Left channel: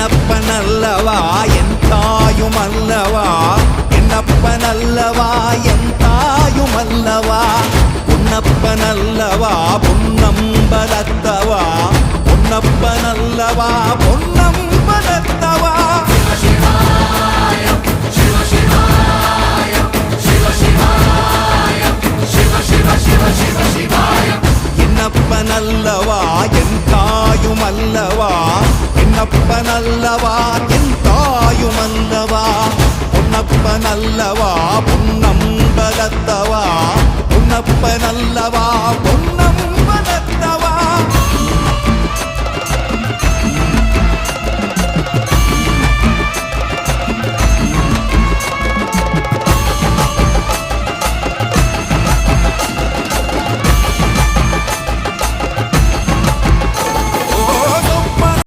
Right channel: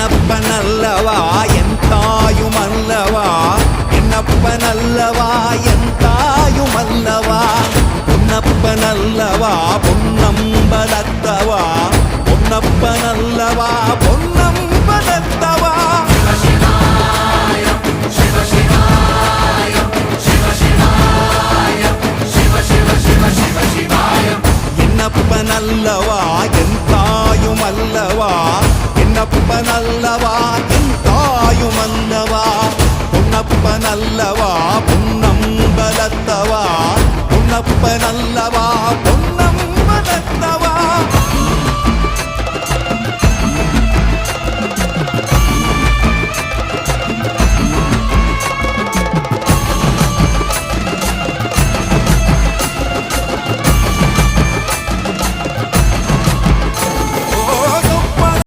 என்னப்பனல்லவா என் தாயுமல்லவா, என்னப்பனல்லவா என் தாயுமல்லவா, பொன்னப்பனல்லவா பொன்னம்பலத்தவா, பொன்னப்பனல்லவா பொன்னம்பலத்தவா. என்னப்பனல்லவா என் தாயுமல்லவா, என்னப்பனல்லவா என் தாயுமல்லவா, பொன்னப்பனல்லவா பொன்னம்பலத்தவா, பொன்னப்பனல்லவா பொன்னம்பலத்தவா.